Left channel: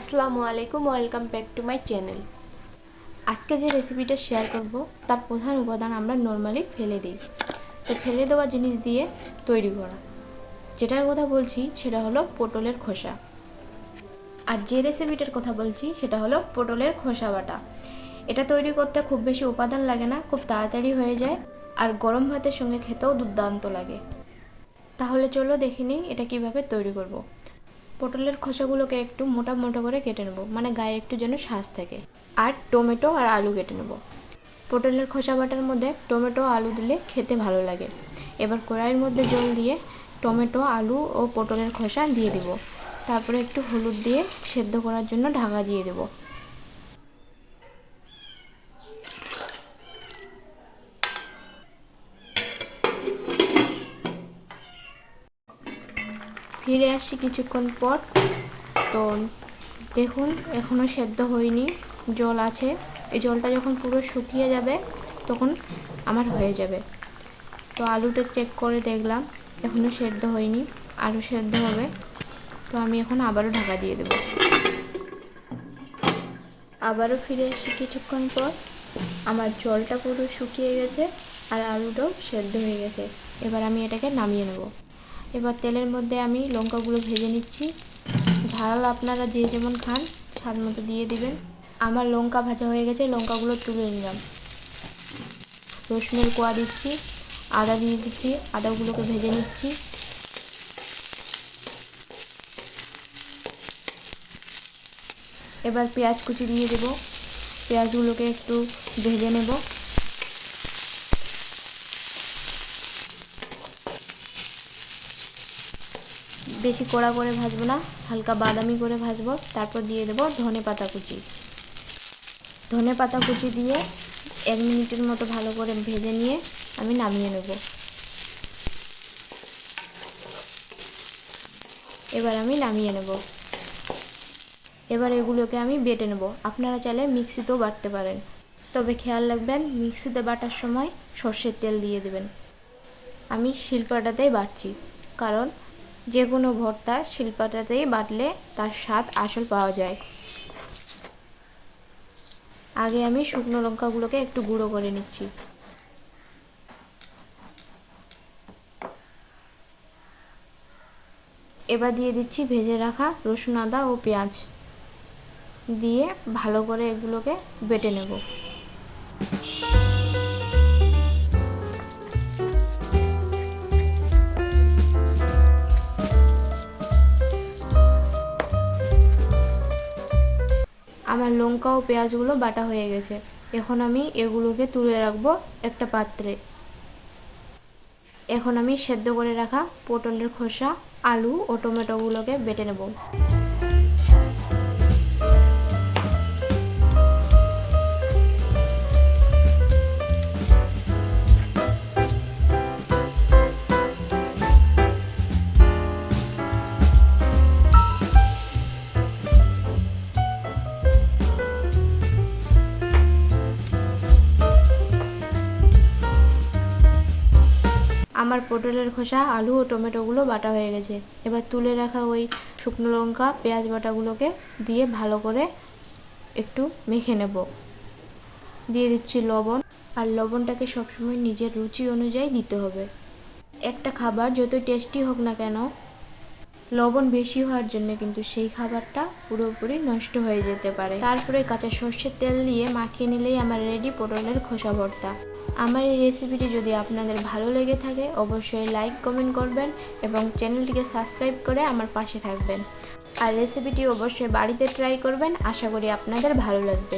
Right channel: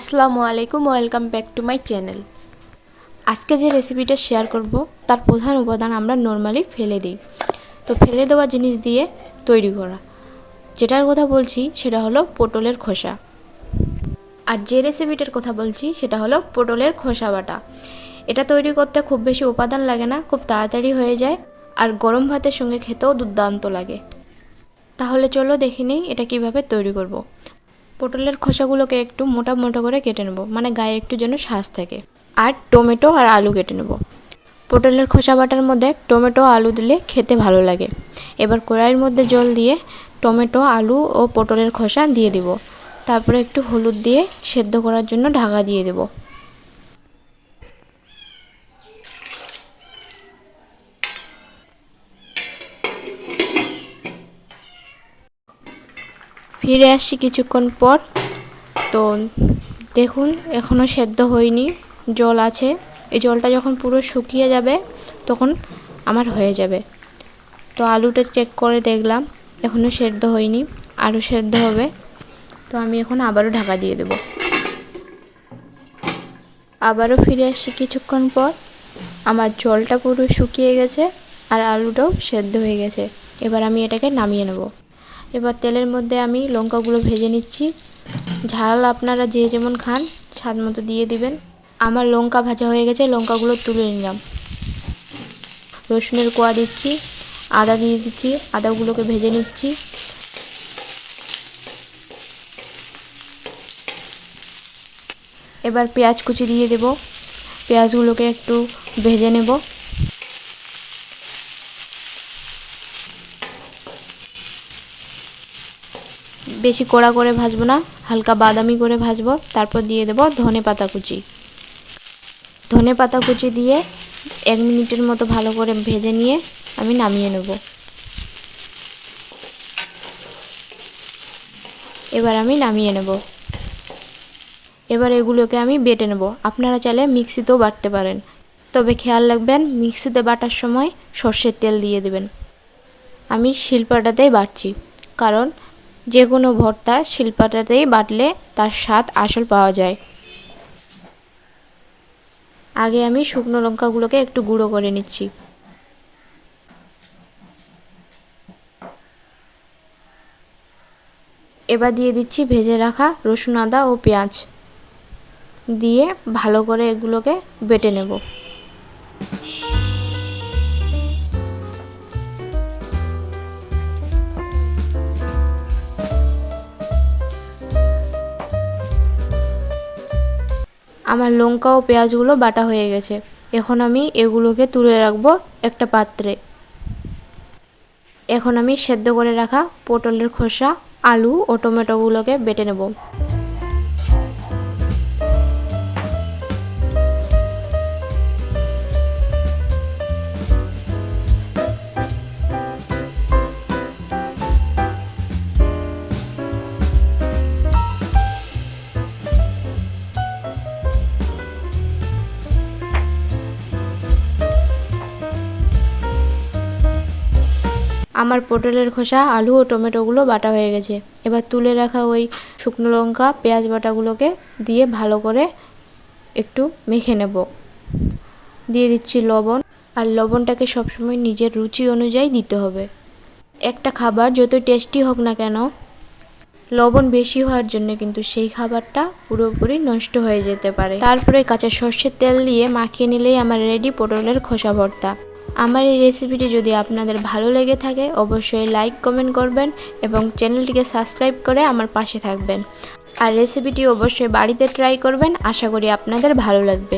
আসসালামু আলাইকুম, welcome back to my channel. আজকে যে রেসিপিটা শেয়ার করব তার প্রধান উপাদান আমরা নর্মালি ফেলে দিই। তো ফেলে দেওয়া জিনিস দিয়ে তৈরি করা যেটার কথা বলছি সেটা হলো পটলের খোসা। আর যে রেসিপিটার কথা বলছি সেটা হলো পটলের খোসা বাটা। এটা তৈরি করতে খুব বেশি উপাদান লাগে না, খুব তাড়াতাড়ি হয়ে যায়, আর গরম ভাতের সঙ্গে খেতেও দুর্দান্ত লাগে। তাহলে চলো দেখে নিই এটা কিভাবে তৈরি করব। পটলের খোসাগুলোকে একটু মোটা মোটা করে কেটে নেব, মানে গায়ে একটু যেন শ্বাস থাকে। আর টমেটো আর আলু কেটে নেব। পটলের খোসা বাটার মধ্যে টমেটো আলু দিলে খেতে ভালো লাগে। এবার কড়াইয়ের মধ্যে জল দিয়ে টমেটো আলু ও পটলের খোসা দিয়ে দিব। তারপরে একটু হলুদ দিয়ে সেদ্ধ করার জন্য ঢাকা দিয়ে দেব। ফিরে আসছি কিছুক্ষণ পর। তো দেখুন এখনও সেদ্ধ হয়নি, জল আছে। এই জলটা যখন পুরো শুকিয়ে যাবে তখন আমার হয়ে যাবে। তো আলুটা চেক করে দেখলাম এখনও সেদ্ধ হয়নি, আরও সেদ্ধ হবে। তো আমি এখন আবারও ঢাকা দিয়ে দেব। আবারও ফিরে আসছি কিছুক্ষণ পর। আমার জলটা পুরো শুকিয়ে গেছে আর আলুটাও সেদ্ধ হয়ে গেছে। এবার আমি এটাকে নামিয়ে নেব। এবার তেলের মধ্যে আমি লঙ্কাগুলো ভেজে নিচ্ছি। ঝাল আপনারা যে যেমন খান স্বাদ মতো দিয়ে দিবেন। আমার লঙ্কা ভাজা হয়ে গেছে, লঙ্কাগুলো তুলে নিলাম। রসুনের কোয়া দিচ্ছি, আদা দিয়ে দিচ্ছি, আদাগুলোকে ভেজে নিচ্ছি। এবার পেঁয়াজ কুচি দিয়ে দেব, পেঁয়াজগুলোকে একটু ভেজে নেব। বেশি কড়া করে ভাজবো না, হালকা বাদামি করে ভাজবো। তারপর দিয়ে দেব ধনে পাতা কুচি। ধনে পাতা কুচি দিয়ে 1 মিনিটের মতো ভালো করে ভেজে নিয়ে আমি নামিয়ে নেব। এবার আমি নামিয়ে নেব। এবার এগুলোকে আমি বেটে নেব। আপনারা চাইলে মিক্সিতেও বাটতে পারেন, তবে খেয়াল রাখবেন মিক্সিতে বাটার সময় সর্ষের তেল দিয়ে দেবেন। আমি শিলপাটাতেই বাটছি, কারণ যে কোনো ভর্তা শিলপাটাতেই বাটলে তার স্বাদ আসল পাওয়া যায়। আগে আমি শুকনো লঙ্কাগুলোকে একটু গুঁড়ো করে নিচ্ছি। এবার দিয়ে দিচ্ছি ভেজে রাখা রসুন, আদা ও পেঁয়াজ দিয়ে ভালো করে এগুলোকে বেটে নেব। আমার লঙ্কা ও পেঁয়াজগুলো বাটা হয়ে গেছে। এখন আমি এগুলোকে তুলে রাখবো একটা পাত্রে। এখন আমি সেদ্ধ করে রাখা পটলের খোসা, আলু ও টমেটোগুলোকে বেটে নেব। আমার পটলের খোসা, আলু ও টমেটোগুলো বাটা হয়ে গেছে। এবার তুলে রাখা ওই শুকনো লঙ্কা, পেঁয়াজ বাটাগুলোকে দিয়ে ভালো করে একটু মেখে নেব। দিয়ে দিচ্ছি লবণ, আর লবণটাকে সবসময় নিজের রুচি অনুযায়ী দিতে হবে। একটা খাবার যত টেস্টি হোক না কেন, লবণ বেশি হওয়ার জন্য কিন্তু সেই খাবারটা পুরোপুরি নষ্ট হয়ে যেতে পারে। তারপরে কাঁচা সর্ষের তেল দিয়ে মাখিয়ে নিলেই আমার রেডি পটলের খোসা ভর্তা। আমার এই রেসিপিটি যদি আপনাদের ভালো লেগে থাকে অবশ্যই লাইক কমেন্ট করবেন এবং চ্যানেলটিকে সাবস্ক্রাইব করে আমার পাশে থাকবেন। আর রেসিপিটি অবশ্যই বাড়িতে ট্রাই করবেন, আশা করি আপনাদের ভালো লাগবে।